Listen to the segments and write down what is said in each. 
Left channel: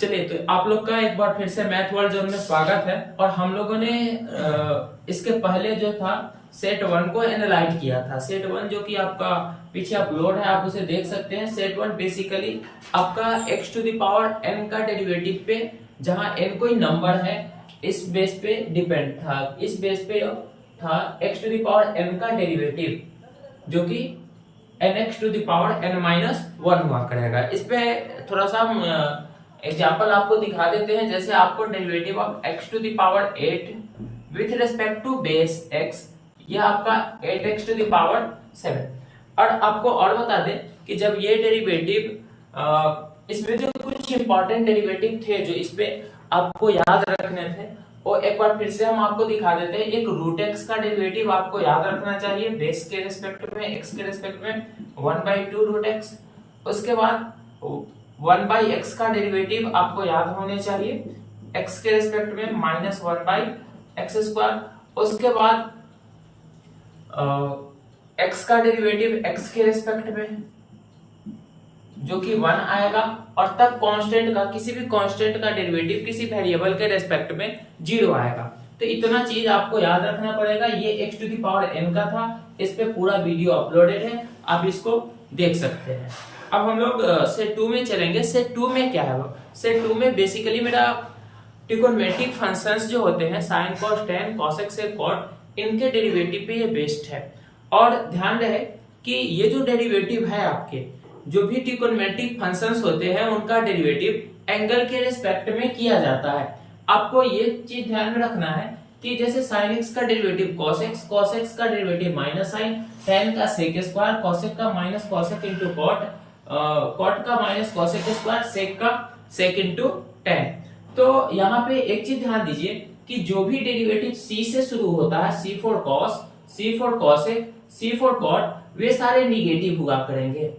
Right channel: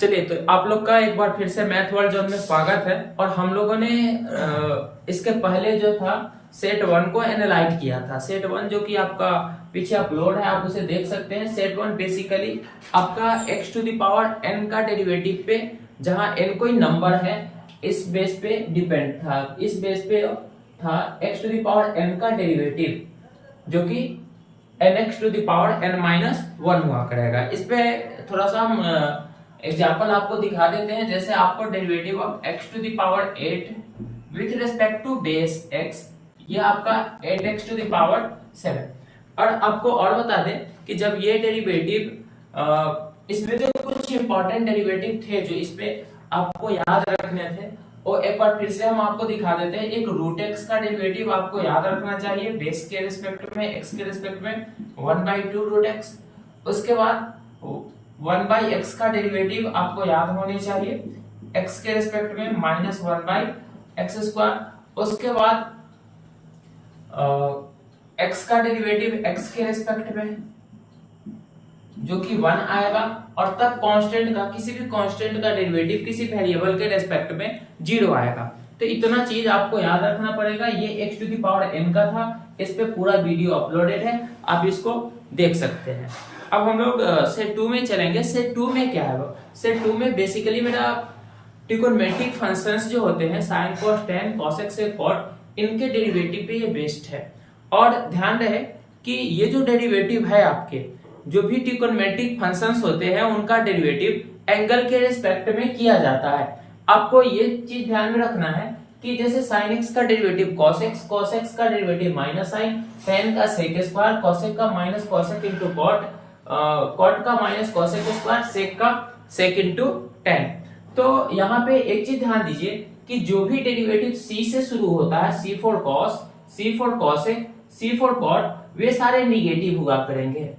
चलिए, तो आप लोग का एक बार फिर से मैथ वर्ल्ड जोन में स्वागत है। और हम लोगों ने इसके पहले जो था सेट 1 को एनालाइज किया था। सेट 1 जो कि आपका पीछे अपलोड है, आप उसे देख सकते हैं। सेट 1 बेसिकली आपका x to the power n का डेरिवेटिव पे, जहां n कोई नंबर है, इस बेस पे डिपेंड था। इस बेस पे था x to the power n का डेरिवेटिव, जो कि nx to the power n minus 1 हुआ करेगा। इस पे थोड़ा सा हम एग्जाम्पल आपको दिखा देते हैं। जैसे आपको derivative of x to the power 8 with respect to base x, यह आपका 8x टू द पावर 7। और आपको और बता दें कि जब ये डेरिवेटिव, इसमें जो कुछ इंपॉर्टेंट डेरिवेटिव थे जो इस पे आपको याद रखने थे, वो एक बार फिर से हम आपको दिखा देते हैं। एक रूट x का डेरिवेटिव आपको याद रखना चाहिए बेस के रिस्पेक्ट में, x के रिस्पेक्ट में 1/2 रूट x। उसके बाद 1/x का डेरिवेटिव आपको याद होने चाहिए x के रिस्पेक्ट में -1/x²। उसके बाद x का डेरिवेटिव x के रिस्पेक्ट में जो कि 1 आएगा। और तब कांस्टेंट का, किसी भी कांस्टेंट का डेरिवेटिव किसी वेरिएबल के रिस्पेक्ट में 0 आएगा। तो इतना चीज आपको याद रखना पड़ेगा। ये x to the power n का था, इस पे पूरा वीडियो अपलोडेड है, आप इसको देख सकते हैं। अब हम लोग सेट 2 में चलेंगे। सेट 2 में क्या है? वो सेट 2 में बेसिकली मेरा ट्रिगोनोमेट्रिक फंक्शंस जो होते हैं साइन कॉस टेन कॉसेक से कॉट, इनके डेरिवेटिव पे ये बेस्ड है। और ध्यान रहे कि ये जो डेरिवेटिव है, आपके जो भी ट्रिगोनोमेट्रिक फंक्शंस होते हैं उनका डेरिवेटिव एंगल के रिस्पेक्ट में किया जाता है। आपको ये चीज ध्यान में रखना है कि जैसे sin x का derivative cos x, cos x का डेरिवेटिव माइनस साइन, tan का sec स्क्वायर, cosec का minus cosec into cot, cot का माइनस cosec स्क्वायर, sec का sec इंटू tan। तो यहाँ पे एक चीज ध्यान दीजिए कि जो भी डेरिवेटिव c से शुरू होता है, c for cos, c for cosec, c for cot, वे सारे निगेटिव हुआ करेंगे।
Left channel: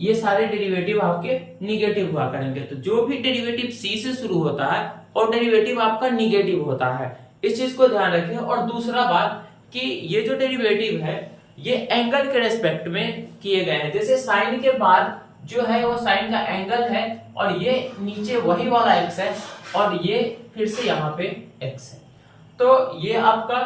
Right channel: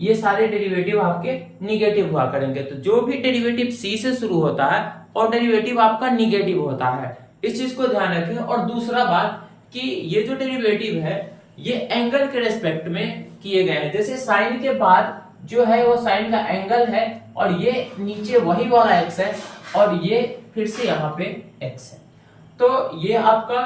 ये सारे डेरिवेटिव आपके निगेटिव हुआ करेंगे। तो जो भी डेरिवेटिव c से शुरू होता है और डेरिवेटिव आपका निगेटिव होता है, इस चीज को ध्यान रखें। और दूसरा बात कि ये जो डेरिवेटिव है ये एंगल के रेस्पेक्ट में किए गए हैं। जैसे साइन के बाद जो है वो साइन का एंगल है, और ये नीचे वही वाला x है, और ये फिर से यहाँ पे x है। तो ये आपका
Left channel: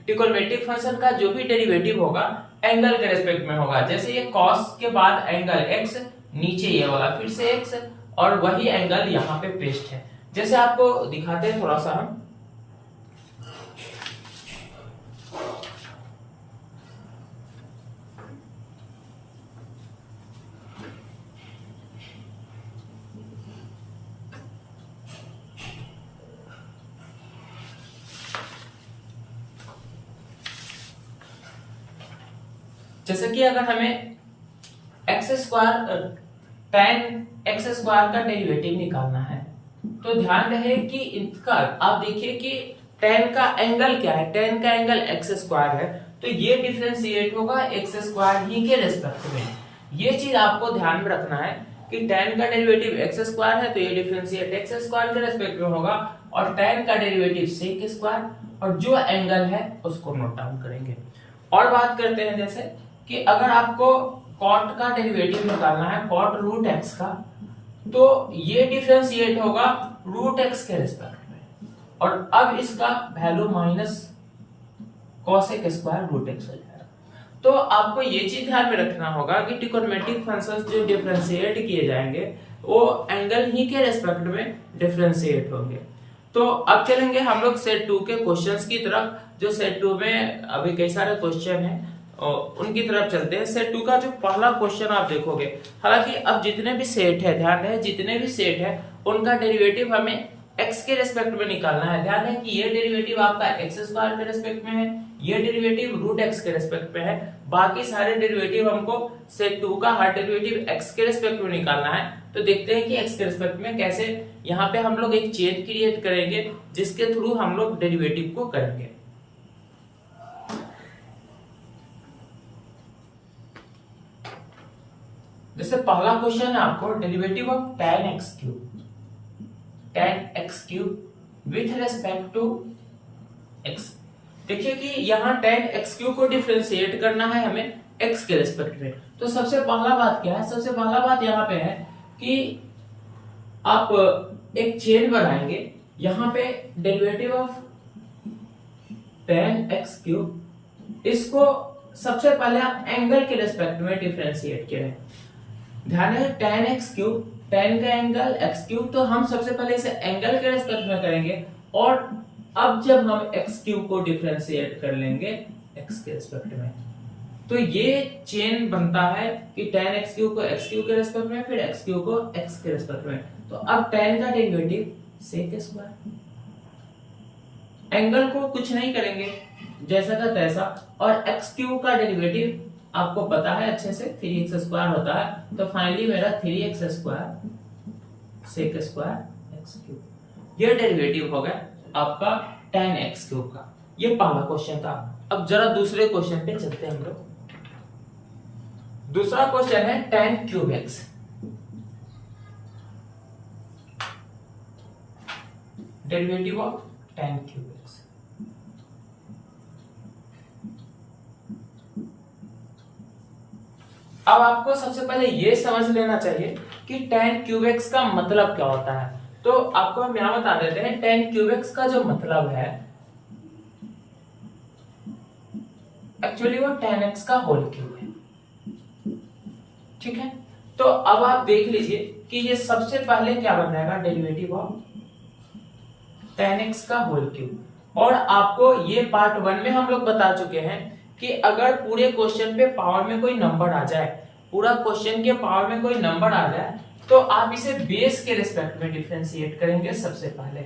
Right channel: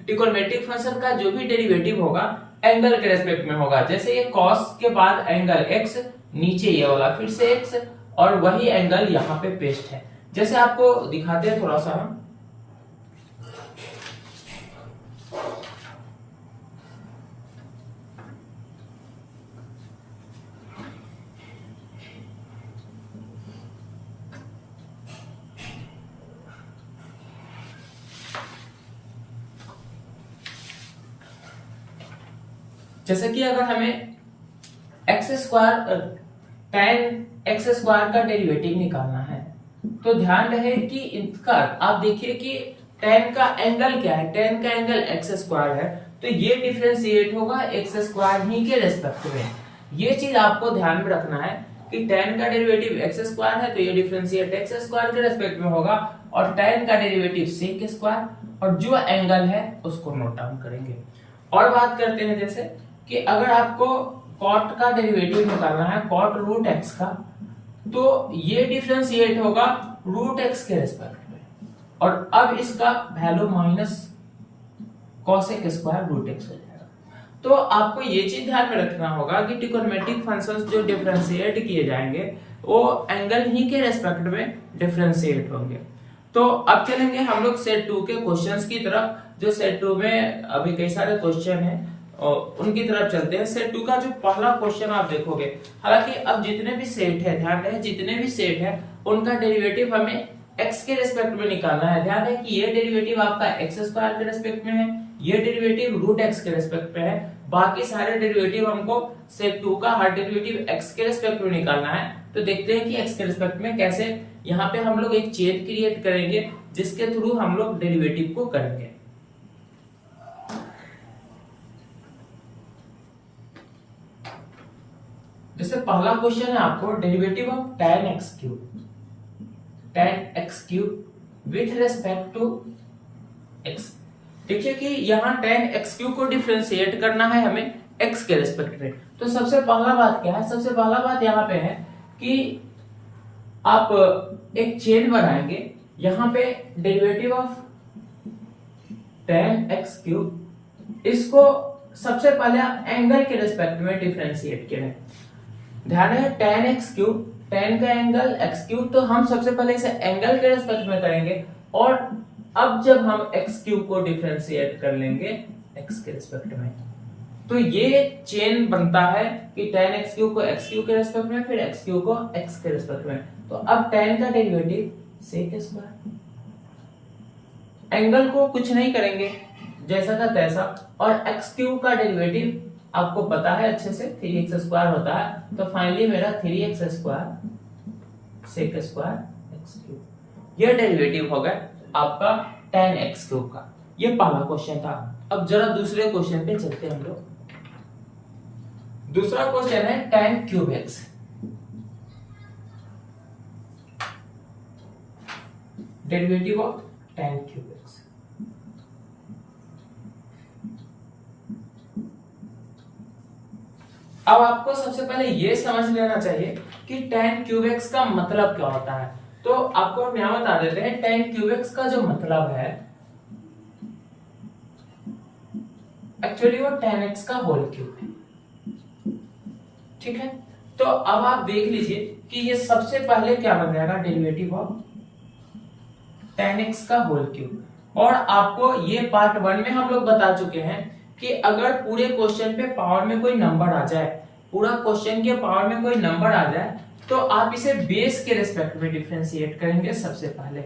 ट्रिगोनोमेट्रिक फंक्शन का जो भी डेरिवेटिव होगा एंगल के रेस्पेक्ट में होगा। जैसे ये cos के बाद एंगल x, नीचे ये वाला फिर से x, और वही एंगल यहाँ पे पेस्ट है। जैसे आपको दिखाते हैं थोड़ा सा हम। जैसे कि अगर हमें tan x² का डेरिवेटिव निकालना है, तो ध्यान रहे कि इसका आप देखिए कि tan का एंगल क्या है, tan का एंगल x² है, तो ये डिफरेंशिएट होगा x² ही के रेस्पेक्ट में। ये चीज आपको ध्यान में रखना है कि tan का डेरिवेटिव x² है, तो ये डिफरेंशिएट x² के रेस्पेक्ट में होगा, और tan का डेरिवेटिव sec², और जो एंगल है उसको नोट डाउन करेंगे। और बात करते हैं जैसे कि अगर आपको cot का डेरिवेटिव निकालना है, cot रूट x का, तो ये डिफरेंशिएट होगा रूट x के रिस्पेक्ट में, और अब इसका value minus cosec square root x हो जाएगा। तो आपको ये चीज ध्यान में रखना होगा कि ट्रिगोनोमेट्रिक फंक्शंस जो डिफरेंशिएट किए जाएंगे वो एंगल ही के रेस्पेक्ट में डिफरेंशिएट होंगे। तो अब चलेंगे हम लोग सेट 2 के क्वेश्चंस की तरफ। जो सेट 2 में अभी कई सारे क्वेश्चन हैं और उनकी तरफ चलते हैं। सेट 2 का जो पहला क्वेश्चन आप देखोगे, हालांकि अब जितने भी सेट है, ध्यान रहे जितने भी सेट है उनका डेरिवेटिव हमें x के रेस्पेक्ट में निकालना है। ध्यान रहे कि ये डेरिवेटिव आपका x² के रेस्पेक्ट में है, ये डेरिवेटिव रूट x के रेस्पेक्ट में है, बाकी सारे डेरिवेटिव हमको सेट 2 का हर डेरिवेटिव x के रेस्पेक्ट में निकालना है। तो देखते हैं कि x के रेस्पेक्ट में कैसे। यहाँ पे हम लोग एक चेन क्रिएट करेंगे जिसके थ्रू हम लोग डेरिवेटिव को करेंगे। जैसे पहला क्वेश्चन है आपको derivative of tan x³ with respect to x। देखिए कि यहाँ tan x³ को डिफरेंशिएट करना है हमें x के रेस्पेक्ट में। तो सबसे पहला बात क्या है? सबसे पहला बात यहाँ पे है कि आप एक चेन बनाएंगे, यहाँ पे derivative of tan x cube, इसको सबसे पहले आप एंगल के रेस्पेक्ट में डिफरेंशिएट करें। ध्यान है tan x क्यूब, tan का एंगल x क्यूब, तो हम सबसे पहले इसे एंगल के रेस्पेक्ट में करेंगे और अब जब हम x क्यूब को डिफरेंशिएट कर लेंगे x के रेस्पेक्ट में, तो ये चेन बनता है कि tan x क्यूब को x क्यूब के रेस्पेक्ट में, फिर x क्यूब को x के रेस्पेक्ट में। तो अब tan का डेरिवेटिव sec स्क्वायर, एंगल को कुछ नहीं करेंगे जैसा का तैसा, और x क्यूब का डेरिवेटिव आपको पता है अच्छे से 3x स्क्वायर होता है, तो फाइनली मेरा 3x square sec square x cube, यह डेरिवेटिव हो गया आपका tan x क्यूब का। ये पहला क्वेश्चन था। अब जरा दूसरे क्वेश्चन पे चलते हैं हम लोग। दूसरा क्वेश्चन है tan cube x, derivative of tan cube x। अब आपको सबसे पहले ये समझ लेना चाहिए कि tan क्यूब x का मतलब क्या होता है। तो आपको हम यहां बता देते हैं, tan क्यूब x का जो मतलब है एक्चुअली वो tan x का होल क्यूब है, ठीक है। तो अब आप देख लीजिए कि ये सबसे पहले क्या बन जाएगा, डेरिवेटिव ऑफ tan x का होल क्यूब। और आपको ये पार्ट 1 में हम लोग बता चुके हैं कि अगर पूरे क्वेश्चन पे पावर में कोई नंबर आ जाए, पूरा क्वेश्चन के पावर में कोई नंबर आ जाए, तो आप इसे बेस के रिस्पेक्ट में डिफरेंशिएट करेंगे सबसे पहले।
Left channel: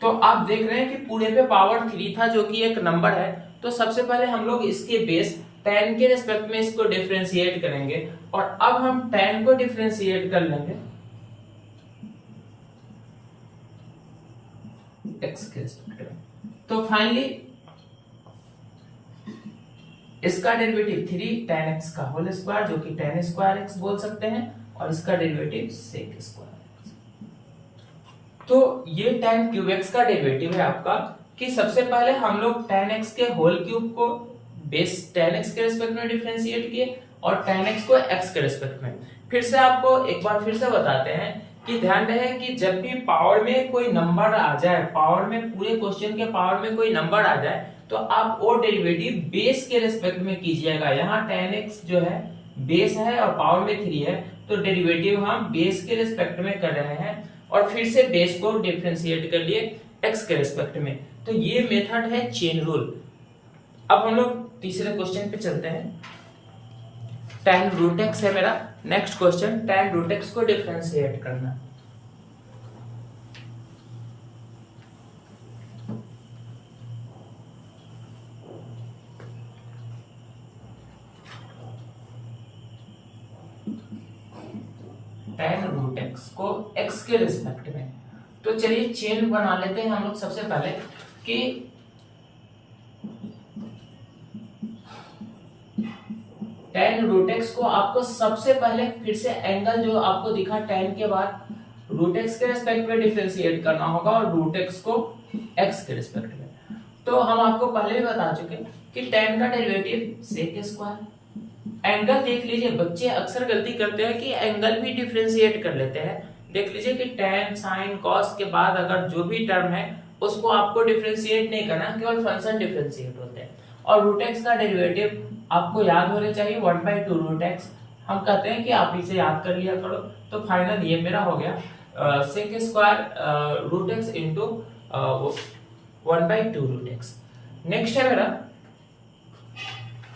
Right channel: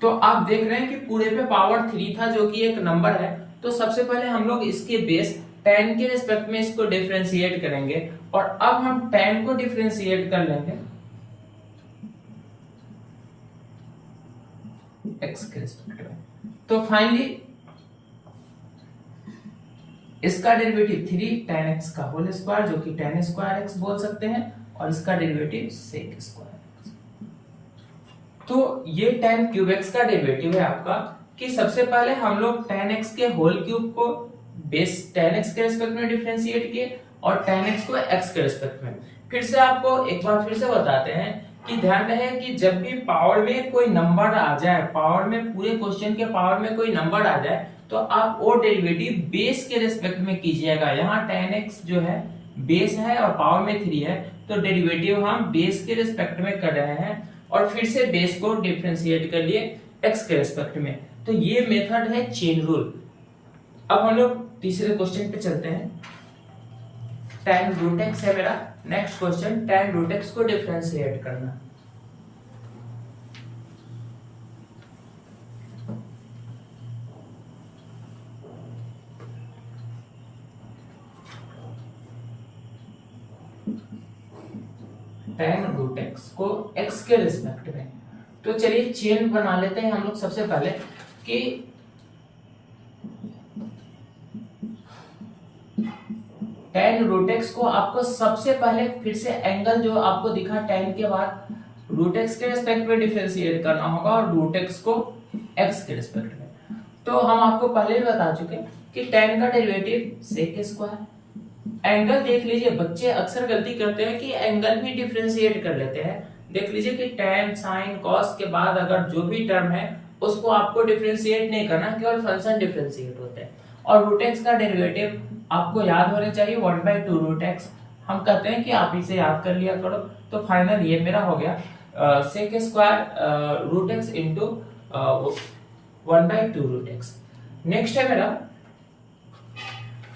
तो आप देख रहे हैं कि पूरे पे पावर 3 था जो कि एक नंबर है, तो सबसे पहले हम लोग इसके बेस tan के रिस्पेक्ट में इसको डिफरेंशिएट करेंगे, और अब हम tan को डिफरेंशिएट कर लेंगे x के रिस्पेक्ट में। तो फाइनली इसका डेरिवेटिव 3 tan x का होल स्क्वायर, जो कि tan स्क्वायर x बोल सकते हैं, और इसका डेरिवेटिव sec स्क्वायर x। तो ये tan क्यूब x का डेरिवेटिव है आपका, कि सबसे पहले हम लोग tan x के होल क्यूब को बेस tan x के रिस्पेक्ट में डिफरेंशिएट किए और tan x को x के रिस्पेक्ट में। फिर से आपको एक बार फिर से बताते हैं कि ध्यान रहे कि जब भी पावर में कोई नंबर आ जाए, पावर में पूरे क्वेश्चन के पावर में कोई नंबर आ जाए, तो आप वो डेरिवेटिव बेस के रिस्पेक्ट में कीजिएगा। यहाँ tan x जो है बेस है और पावर में 3 है, तो डेरिवेटिव हम बेस के रिस्पेक्ट में कर रहे हैं और फिर से बेस को डिफरेंशिएट कर लिए x के रिस्पेक्ट में। तो ये मेथड है चेन रूल। अब हम लोग तीसरे क्वेश्चन पे चलते हैं। tan रूट x है मेरा next question, tan root x को डिफरेंशिएट करना। tan रूट x को x के रिस्पेक्ट में, तो चलिए चेन बना लेते हैं हम लोग सबसे पहले कि tan रूट x को आपको सबसे पहले फिर से एंगल जो आपको दिखा tan के बाद रूट x के रिस्पेक्ट में डिफरेंशिएट करना होगा और रूट x को x के रिस्पेक्ट में। तो हम आपको पहले भी बता चुके कि tan का डेरिवेटिव sec स्क्वायर। एंगल देख लीजिए, बच्चे अक्सर गलती करते हैं कि एंगल भी डिफरेंशिएट कर लेते हैं। देख लीजिए कि tan sin cos के बाद अगर जो भी टर्म है उसको आपको डिफरेंशिएट नहीं करना, केवल फंक्शन डिफरेंशिएट होते हैं। और रूट x का डेरिवेटिव आपको याद होने चाहिए 1/2 रूट x। हम कहते हैं कि आप इसे याद कर लिया करो। तो फाइनल ये मेरा हो गया sec square root x into 1/2 root x। Next है मेरा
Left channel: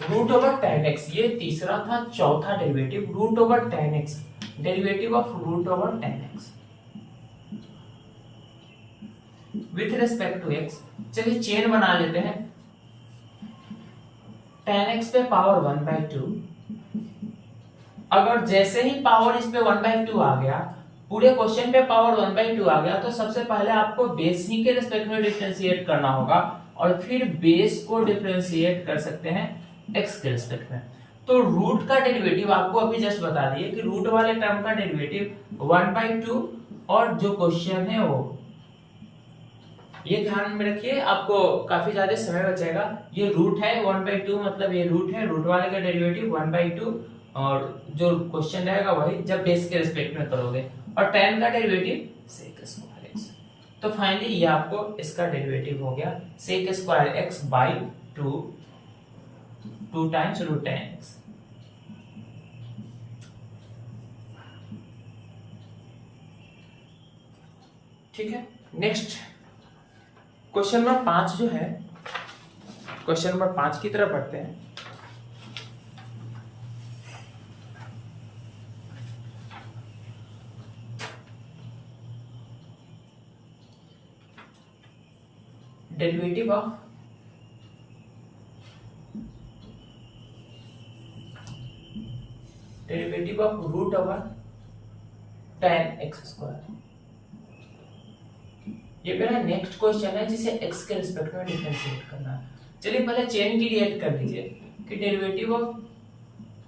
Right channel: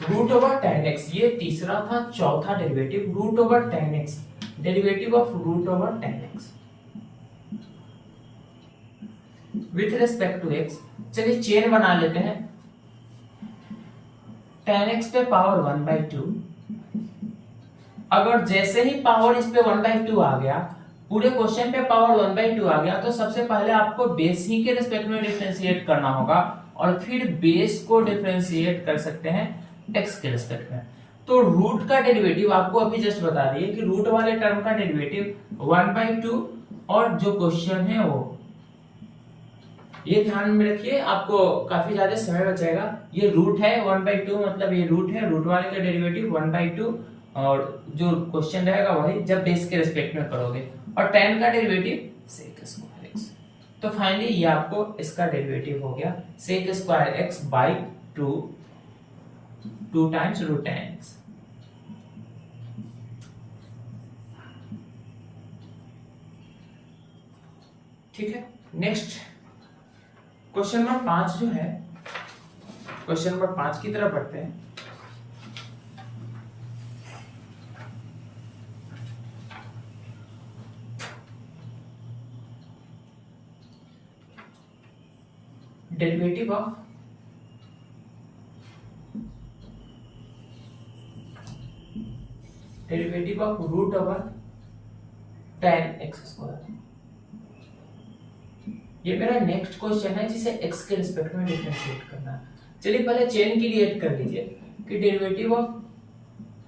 रूट ओवर tan x, ये तीसरा था। चौथा derivative root over tan x, derivative of root over tan x with respect to x। चलिए चेन बना लेते हैं। tan x पे पावर 1/2, अगर जैसे ही पावर इस पे 1/2 आ गया, पूरे क्वेश्चन पे पावर 1/2 आ गया, तो सबसे पहले आपको बेस ही के रिस्पेक्ट में डिफरेंशिएट करना होगा और फिर बेस को डिफरेंशिएट कर सकते हैं x के रिस्पेक्ट में। तो रूट का डेरिवेटिव आपको अभी जस्ट बता दिए कि रूट वाले टर्म का डेरिवेटिव 1/2, और जो क्वेश्चन है वो ये ध्यान में रखिए, आपको काफी ज्यादा समय बचेगा। ये रूट है 1/2, मतलब ये रूट है, रूट वाले का डेरिवेटिव 1/2 और जो क्वेश्चन रहेगा वही जब बेस के रिस्पेक्ट में करोगे, और tan का डेरिवेटिव sec स्क्वायर x। तो फाइनली ये आपको इसका डेरिवेटिव हो गया sec square x by 2 times root tan x। ठीक है, नेक्स्ट क्वेश्चन नंबर 5 जो है, क्वेश्चन नंबर 5 की तरफ बढ़ते हैं। Derivative of root over tan x square. ये मेरा नेक्स्ट क्वेश्चन है जिसे x के रिस्पेक्ट में डिफरेंशिएट करना है। चलिए पहले चेन क्रिएट कर लीजिए कि derivative of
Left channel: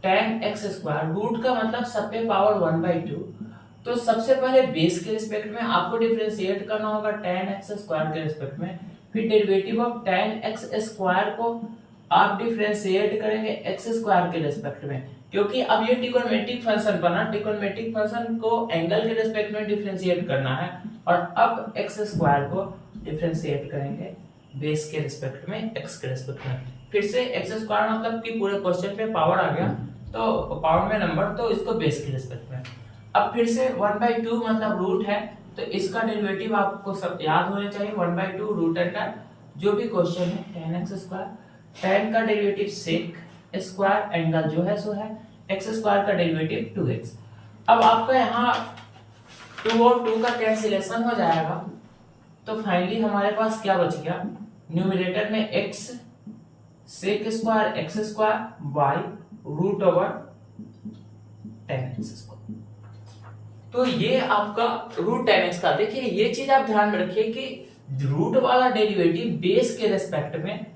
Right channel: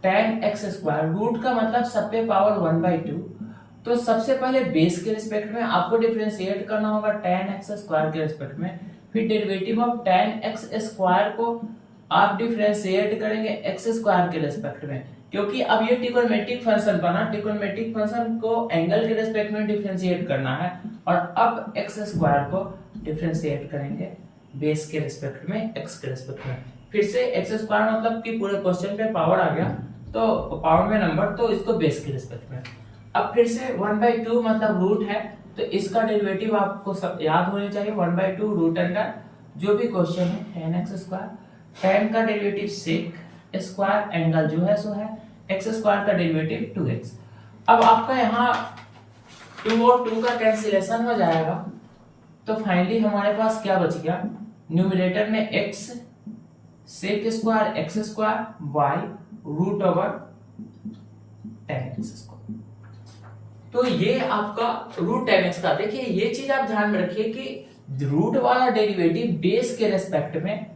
tan x square, root का मतलब सब पे पावर 1/2, तो सबसे पहले बेस के रिस्पेक्ट में आपको डिफरेंशिएट करना होगा tan x स्क्वायर के रिस्पेक्ट में, फिर derivative of tan x square को आप डिफरेंशिएट करेंगे x स्क्वायर के रिस्पेक्ट में, क्योंकि अब ये ट्रिग्नोमेट्रिक फंक्शन बना, ट्रिग्नोमेट्रिक फंक्शन को एंगल के रिस्पेक्ट में डिफरेंशिएट करना है, और अब x स्क्वायर को डिफरेंशिएट करेंगे बेस के रिस्पेक्ट में x के रिस्पेक्ट में। फिर से x स्क्वायर मतलब कि पूरे क्वेश्चन पे पावर आ गया, तो पावर में नंबर, तो इसको बेस के रिस्पेक्ट में। अब फिर से 1/2 मतलब रूट है, तो इसका डेरिवेटिव आपको सब याद होने चाहिए, 1/2 रूट अंडर जो भी क्वेश्चन है tan x स्क्वायर, tan का डेरिवेटिव sec स्क्वायर, एंगल जो है सो है x स्क्वायर का डेरिवेटिव 2x। अब आपका यहाँ 2 और 2 का कैंसिलेशन हो जाएगा, तो फाइनली हमारे पास क्या बच गया, न्यूमरेटर में x sec square x square by root over tan x square. तो ये आपका रूट tan x का, देखिए ये चीज आप ध्यान में रखिए कि रूट वाला डेरिवेटिव बेस के रेस्पेक्ट में,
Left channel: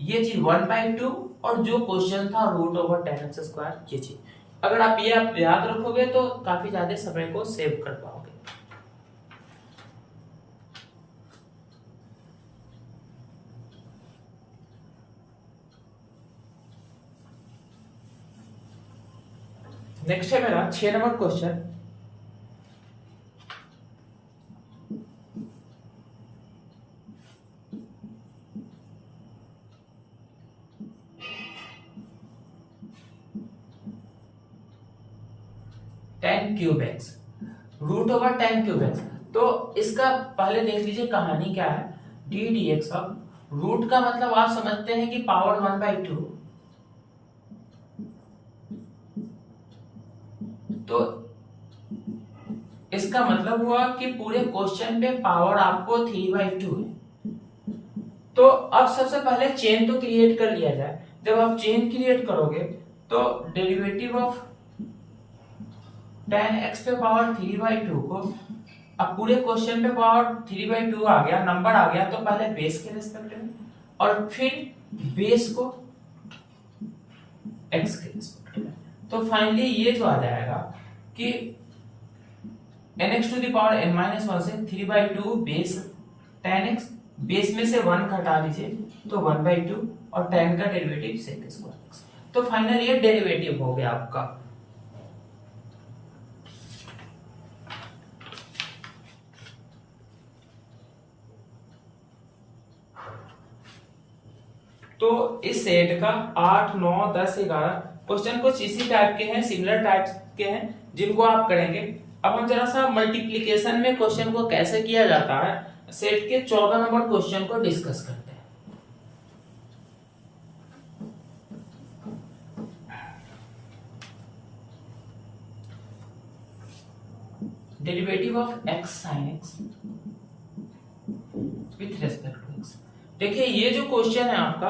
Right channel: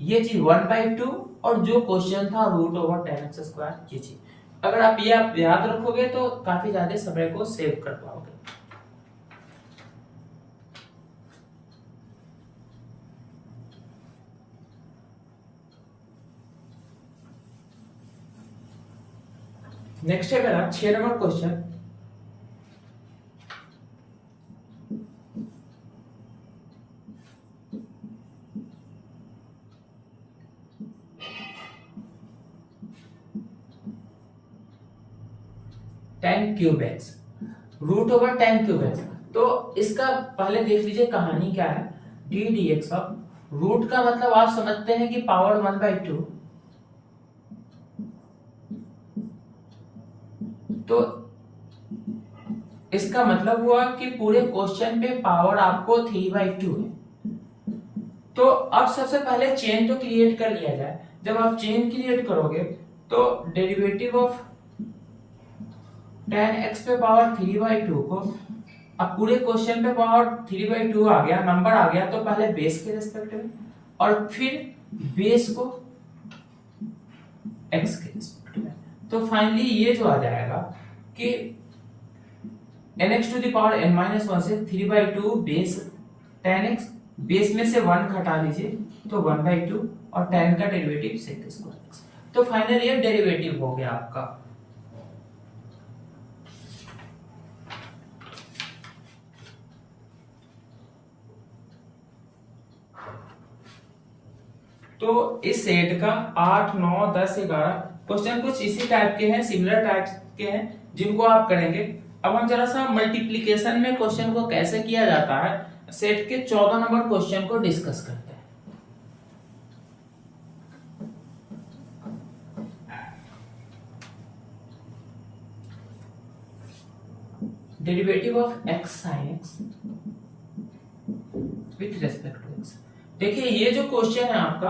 ये चीज 1/2, और जो क्वेश्चन था root over tan x square, ये चीज अगर आप ये याद रखोगे तो काफी ज्यादा समय को सेव कर पाओगे। नेक्स्ट है मेरा 6 number question. tan cube x, root over tan cube x। तो इसका पहले देख लीजिए कहानी क्या है, d dx ऑफ रूट का मतलब आप समझते हैं कि पावर 1/2, तो इसका मतलब हुआ कि पूरे क्वेश्चन पे पावर आपको 3/2 है। तो अब सबसे पहले चेन तो क्रिएट कर लिया जाए। जब आप चेन क्रिएट करोगे तो डेरिवेटिव ऑफ tan x पे पावर 3/2 को, अब पूरे क्वेश्चन पे पावर 3/2 आ गया, नंबर आ गया, तो पहले बेस के रिस्पेक्ट में और फिर बेस को x के रिस्पेक्ट में। तो फाइनली ये जो आ जाएगा कि nx टू द पावर n-1 से 3/2 बेस tan x, बेस में से 1 घटा लीजिए तो 1/2, और tan का डेरिवेटिव sec स्क्वायर x। तो फाइनली ये डेरिवेटिव हो गया आपका। तो इस सेट का 8, 9, 10, 11 क्वेश्चन कुछ इसी टाइप के हैं, सिमिलर टाइप के हैं, जिनको आप करेंगे। अब हम जरा सा मल्टीप्लिकेशन में क्वेश्चन को कैसे किया जाता है, सेट के 14 नंबर क्वेश्चन को डिस्कस करते हैं। Derivative of x sin x with respect to x। देखिए ये जो क्वेश्चन है आपका,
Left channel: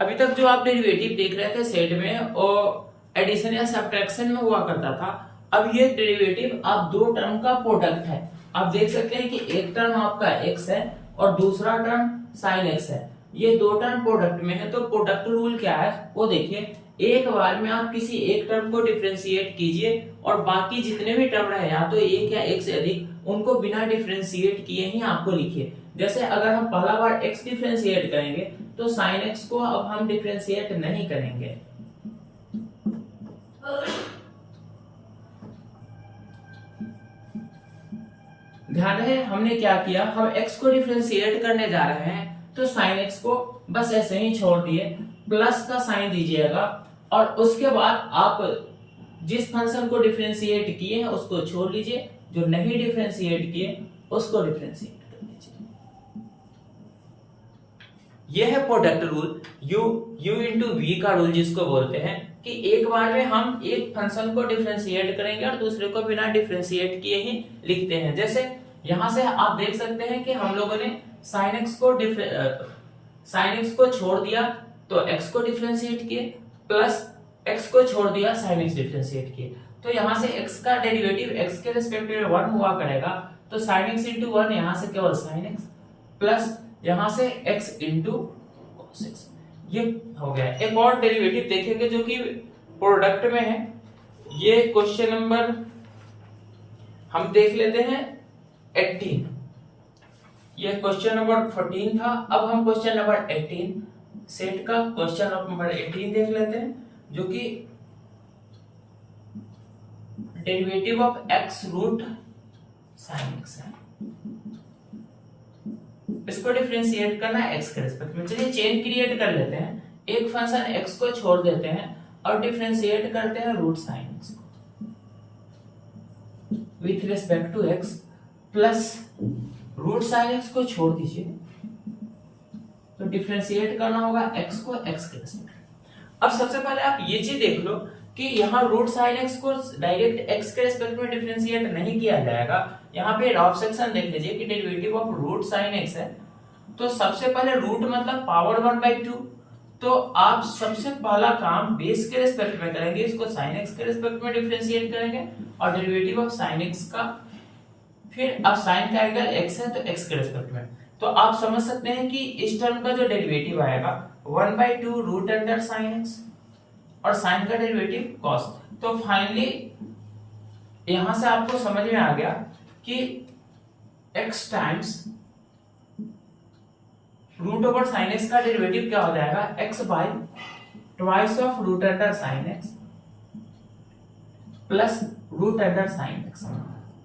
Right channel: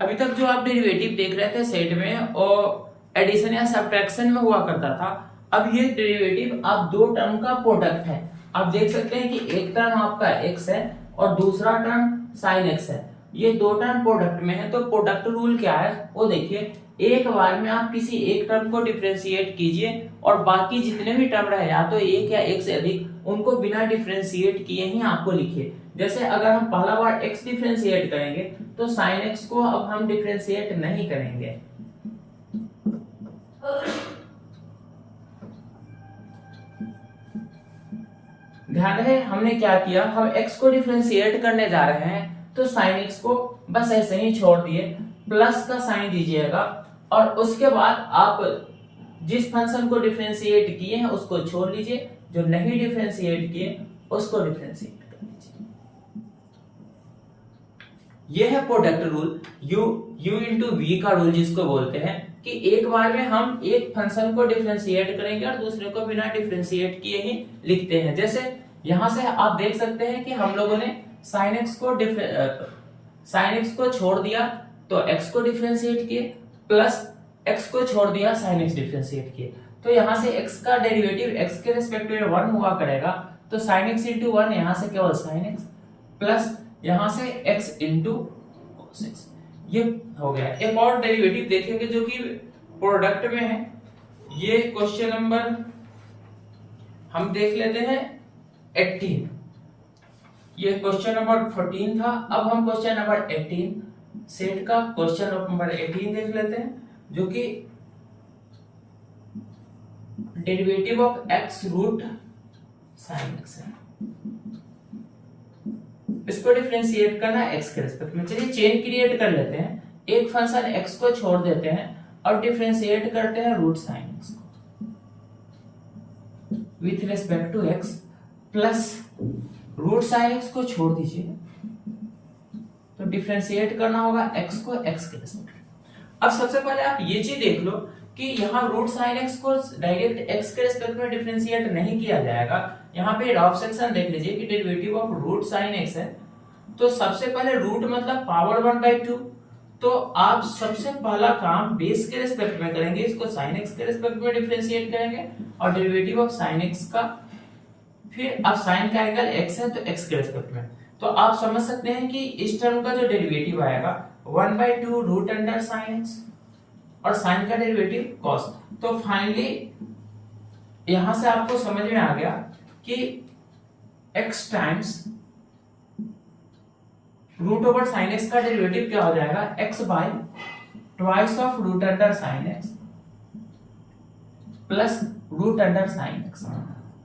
अभी तक जो आप डेरिवेटिव देख रहे थे सेट में और एडिशन या सब्ट्रैक्शन में हुआ करता था, अब ये डेरिवेटिव अब दो टर्म का प्रोडक्ट है। आप देख सकते हैं कि एक टर्म आपका x है और दूसरा टर्म sin x है, ये दो टर्म प्रोडक्ट में है। तो प्रोडक्ट रूल क्या है वो देखिए, एक बार में आप किसी एक टर्म को डिफरेंशिएट कीजिए और बाकी जितने भी टर्म रहे, या तो एक या एक से अधिक, उनको बिना डिफरेंशिएट किए ही आपको लिखिए। जैसे अगर हम पहला बार x डिफरेंशिएट करेंगे तो sin x को अब हम डिफरेंशिएट नहीं करेंगे, ध्यान रहे हमने क्या किया, हम x को डिफरेंशिएट करने जा रहे हैं तो sin x को बस ऐसे ही छोड़ दिए, प्लस का साइन दीजिएगा और उसके बाद आप जिस फंक्शन को डिफरेंशिएट किए हैं उसको छोड़ लीजिए, जो नहीं डिफरेंशिएट किए उसको डिफरेंशिएट कर लीजिए। यह है product rule, u into V का रूल जिसको बोलते हैं कि एक बार में हम एक फंक्शन को डिफरेंशिएट करेंगे और दूसरे को बिना डिफरेंशिएट किए ही लिखते हैं। जैसे यहां से आप देख सकते हैं कि हम लोगों ने sin x को छोड़ दिया तो x को डिफरेंशिएट किए, प्लस x को छोड़ दिया sin x डिफरेंशिएट किए, तो यहां से x का डेरिवेटिव x के रिस्पेक्ट में 1 हुआ करेगा, तो sin x इंटू 1 यहां से केवल sin x प्लस यहां से x इंटू cos x, ये हो गया। एक और डेरिवेटिव देखेंगे जो कि प्रोडक्ट में है, ये क्वेश्चन नंबर हम देख लेते हैं 18, ये क्वेश्चन नंबर 14 था, अब हम क्वेश्चन नंबर 18 सेट का क्वेश्चन नंबर 18 देख लेते हैं जो कि derivative of x root sin x है। इसको डिफरेंशिएट करना है x के रिस्पेक्ट में। चलिए चेन क्रिएट कर लेते हैं, एक फंक्शन x को छोड़ देते हैं और डिफरेंशिएट करते हैं रूट sin x को with respect to x, plus root sin x को छोड़ दीजिए तो डिफरेंशिएट करना होगा x को x के रिस्पेक्ट। अब सबसे पहले आप ये चीज देख लो कि यहाँ रूट sin x को डायरेक्ट x के रिस्पेक्ट में डिफरेंशिएट नहीं किया जाएगा। यहाँ पे रफ सेक्शन देख लीजिए कि derivative of root sin x है, तो सबसे पहले रूट मतलब पावर 1/2, तो आप सबसे पहला काम बेस के रिस्पेक्ट में करेंगे, इसको sin x के रिस्पेक्ट में डिफरेंशिएट करेंगे और डेरिवेटिव ऑफ sin x का, फिर अब sin का एंगल x है तो x के रिस्पेक्ट में, तो आप समझ सकते हैं कि इस टर्म का जो डेरिवेटिव आएगा 1/2 रूट अंडर sin x और sin का डेरिवेटिव cos। तो फाइनली यहां से आपको समझ में आ गया कि x times root over sin x का डेरिवेटिव क्या हो जाएगा, x by twice of root under sin x plus root under sin x।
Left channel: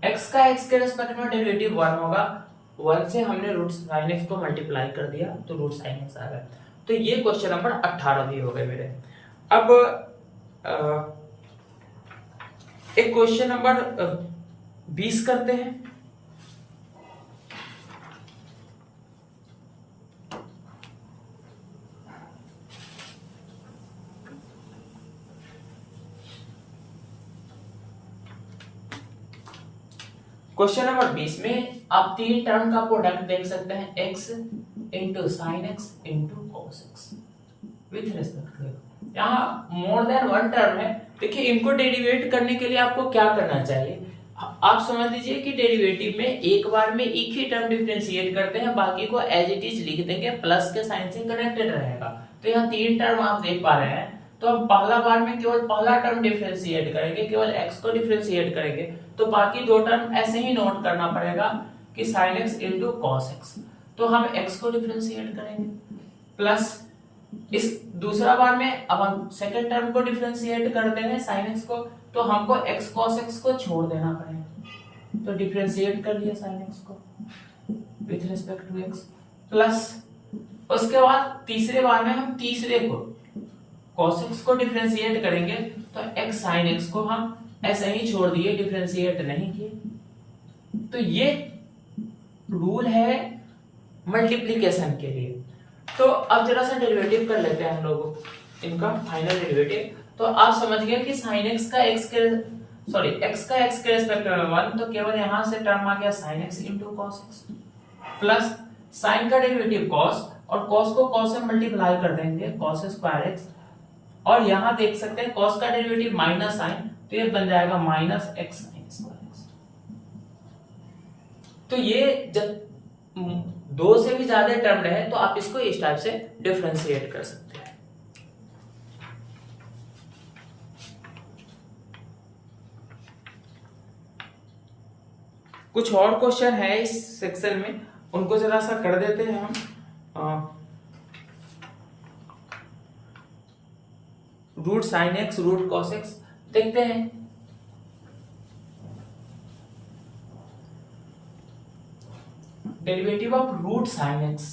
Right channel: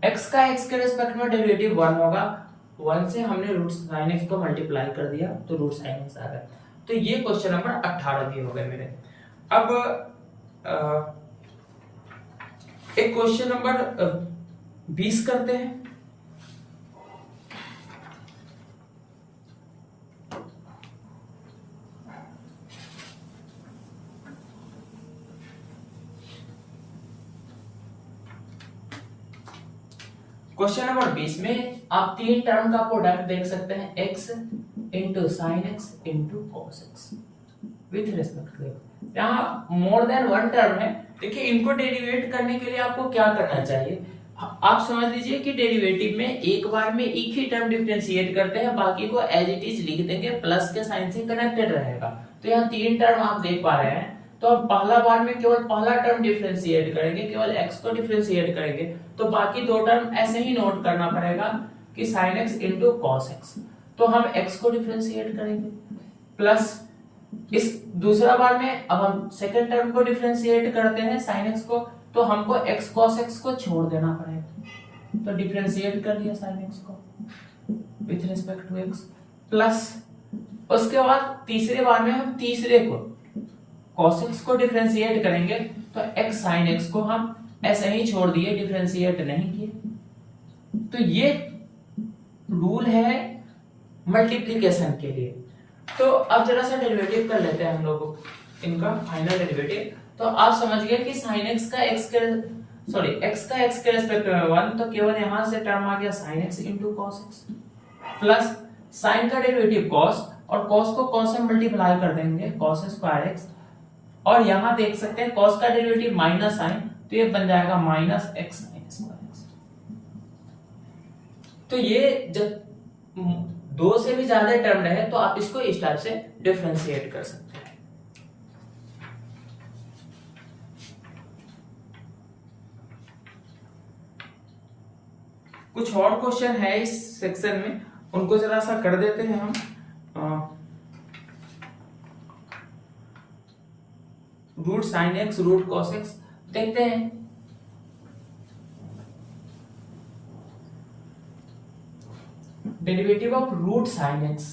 x का x के रिस्पेक्ट में डेरिवेटिव 1 होगा, 1 से हमने रूट sin x को मल्टीप्लाई कर दिया तो रूट sin x आ गया। तो ये क्वेश्चन नंबर 18 भी हो गए मेरे। अब एक क्वेश्चन नंबर 20 करते हैं। क्वेश्चन नंबर 20 में आप तीन टर्म का प्रोडक्ट देख सकते हैं, x into sine X into cos X with respect to. यहाँ मोर देन वन टर्म है। देखिए इनको डेरिवेट करने के लिए आपको क्या करना चाहिए, आप समझ लीजिए कि डेरिवेटिव में एक बार में एक ही टर्म डिफरेंशिएट करते हैं, बाकी को एज इट इज लिख देंगे, प्लस के साइन से कनेक्टेड रहेगा। तो यहाँ तीन टर्म आप देख पा रहे हैं, तो हम पहला बार में केवल पहला टर्म डिफरेंशिएट करेंगे, केवल x को डिफरेंशिएट करेंगे, तो बाकी दो टर्म ऐसे ही नोट करना पड़ेगा कि sin x into cos x. तो हम x को डिफरेंशिएट करेंगे, प्लस इस दूसरा बार में अब हम सेकंड टर्म को डिफरेंशिएट करते हैं sin x को, तो हमको x cos x को छोड़ देना पड़ेगा, तो डिफरेंशिएट कर लिया sin x को with respect to x, plus उसके बाद तीसरे बार में हम तीसरे को cos x को डिफरेंशिएट करेंगे, तो x sin x को हम ऐसे ही छोड़ दिए, डिफरेंशिएट नहीं किए। तो ये रूल है मल्टीप्लिकेशन के लिए। तो अब जरा सा डेरिवेटिव कर लेते हैं हम लोग इनका फाइनल डेरिवेटिव। तो आप समझ गए कि sin x का x के रेस्पेक्ट में 1, तो केवल यहां से टर्म आ गया sin x into cos x, plus sin का डेरिवेटिव cos, और cos को cos से मल्टीप्लाई कर देंगे cos स्क्वायर x, और यहां देख सकते हैं cos का डेरिवेटिव माइनस साइन, तो ये बन जाएगा minus x sine square x. तो ये जब दो से भी ज्यादा टर्म रहे तो आप इसको इस टाइप से डिफरेंशिएट कर सकते हैं। कुछ और क्वेश्चन है इस सेक्शन में, उनको जरा सा कर देते हैं हम। Root sine X root cos X देखते हैं। Derivative of root sine X,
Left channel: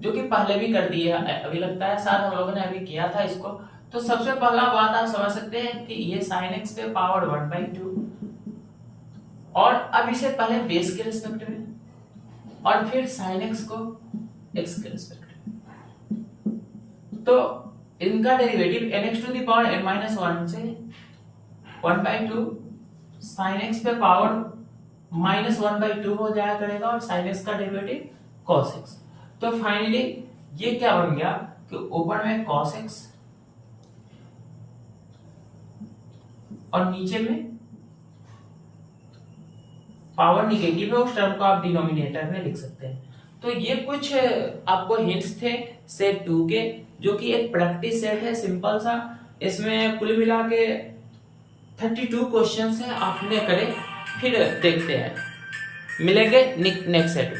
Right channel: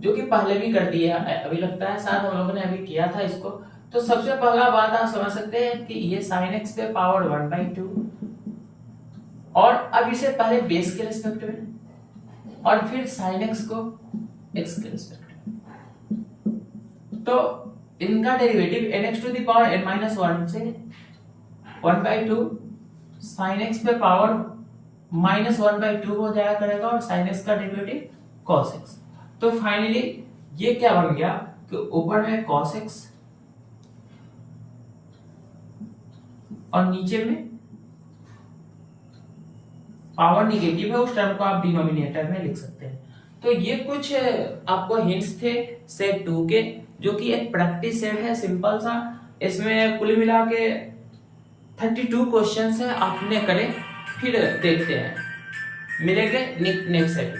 जो कि पहले भी कर दिया, अभी लगता है शायद हम लोगों ने अभी किया था इसको। तो सबसे पहला बात आप समझ सकते हैं कि ये साइन एक्स पे पावर 1/2, और अब इसे पहले बेस के रिस्पेक्ट में और फिर साइन एक्स को एक्स के रिस्पेक्ट में। तो इनका डेरिवेटिव nx टू द पावर n-1 से 1/2 साइन एक्स पे पावर -1/2 हो जाया करेगा, और साइन एक्स का डेरिवेटिव cos x। तो फाइनली ये क्या बन गया कि ऊपर में cos x और नीचे में पावर निगेटिव है, उस टर्म को आप डिनोमिनेटर में लिख सकते हैं। तो ये कुछ आपको हिंट्स थे सेट 2 के, जो कि एक प्रैक्टिस सेट है सिंपल सा। इसमें कुल मिला के 32 क्वेश्चंस है, आपने करें, फिर देखते हैं, मिलेंगे नेक्स्ट सेट में।